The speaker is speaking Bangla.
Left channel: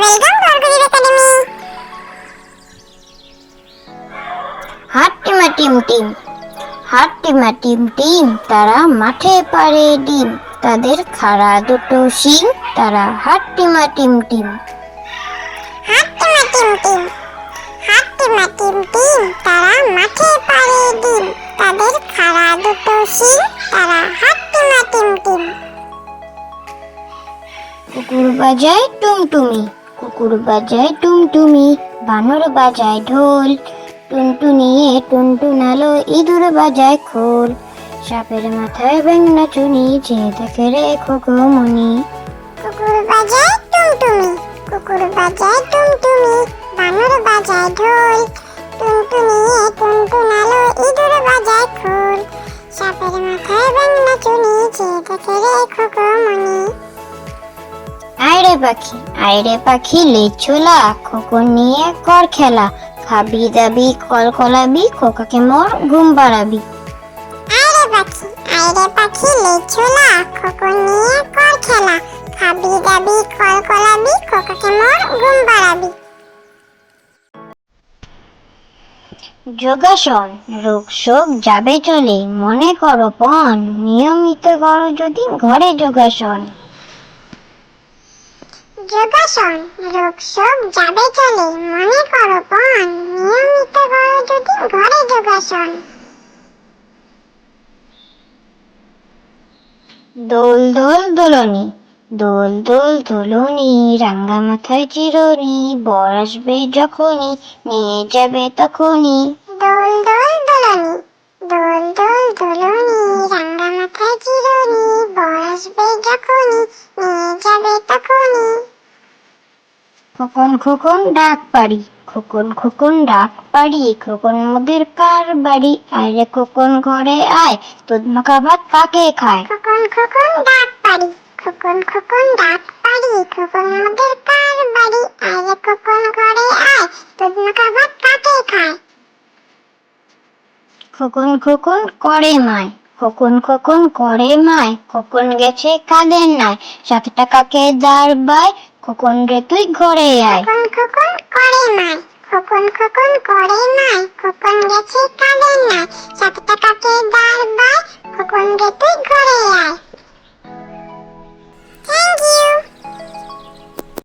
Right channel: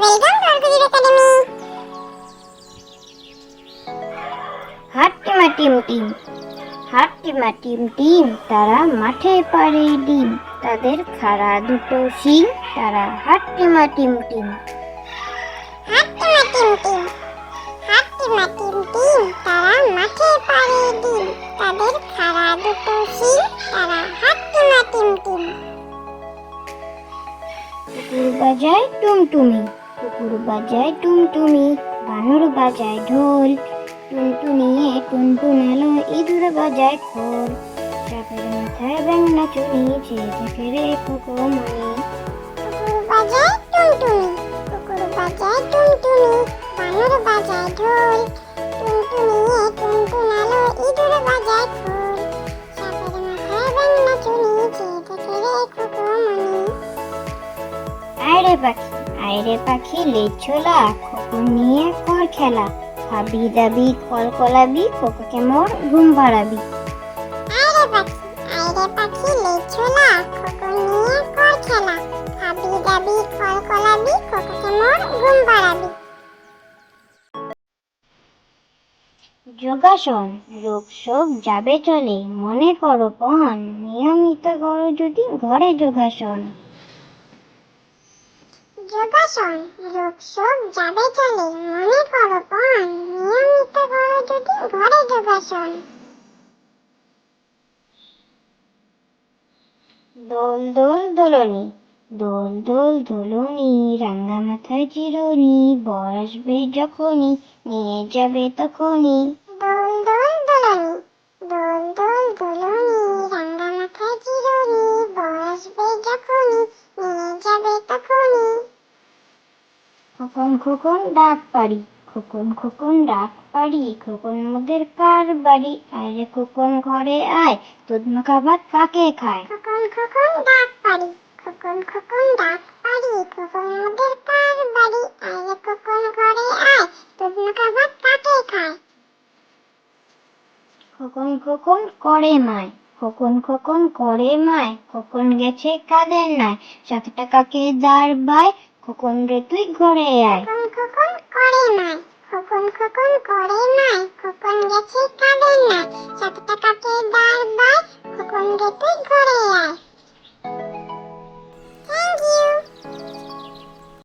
Welcome to Arkajit academy. হাট্টিমা টিম টিম, হাট্টিমা টিম টিম, তারা মাঠে পারে ডিম, তাদের খাড়া দুটো শিং, তারা হাট্টিমা টিম টিম। হাট্টিমা টিম টিম, হাট্টিমা টিম টিম, তারা মাঠে পারে ডিম, তাদের খাড়া দুটো শিং, তারা হাট্টিমা টিম টিম। কুকুর বাজায় টুমটুমি, কুকুর বাজায় টুমটুমি, বানর বাজায় ঢোল, টুনটুনিয়ে টুনটুনালো, ইঁদুর বাজায় খোল, সাপের মাথায় ব্যাঙনা চুনি, যে দেখে রে খোকমনি। কুকুর বাজায় টুমটুমি, কুকুর বাজায় টুমটুমি, বানর বাজায় ঢোল, টুনটুনিয়ে টুনটুনালো, ইঁদুর বাজায় খোল, সাপের মাথায় ব্যাঙনা চুনি, যে দেখে রে খোকমনি। আয়রে পাখি, আয়রে পাখি লেজ ছোলা, খোকন নিয়ে কর খেলা, খাবি দাবি কলকলাবি, খোকাকে মোর ঘুম পাড়াবি। আয়রে পাখি লেজ ছোলা, খোকন নিয়ে কর খেলা, খাবি দাবি কলকলাবি, খোকাকে মোর ঘুম পাড়াবি। যোগাসন, রোগ শোক যাবে চলে, মনে করো পণ, নিয়মিত করো যদি ঘরে যোগাসন। যোগাসন, রোগ শোক যাবে চলে, মনে করো পণ, নিয়মিত করো যদি ঘরে যোগাসন। দোল দোল দোলনি, দোল দোল দোলনি, রাঙ্গা মাথায় চিরনি, বর আসবে যখনই, নিয়ে যাবে তখনই। দোল দোল দোলনি, দোল দোল দোলনি, রাঙ্গা মাথায় চিরনি, বর আসবে যখনই, নিয়ে যাবে তখনই। খোকন খোকন ডাক পারি, খোকন খোকন ডাক পারি, খোকন মোদের কার বাড়ি, আয় খোকন ঘরে আয়, তোদ মাখা ভাত কাকে খায়। খোকন খোকন ডাক পারি, খোকন খোকন ডাক পারি, খোকন মোদের কার বাড়ি, আয় খোকন ঘরে আয়, তোদ মাখা ভাত কাকে খায়। খোকন খোকন করে মায়, খোকন খোকন করে মায়, খোকন গেছে কাদের নাই, 7 টাকাকে দাঁড় বাই, খোকন রে তুই ঘরে আয়। খোকন খোকন করে মায়, খোকন খোকন করে মায়, খোকন গেছে কাদের নাই, 7 টাকাকে দাঁড় বাই, খোকন রে তুই ঘরে আয়। Thank you.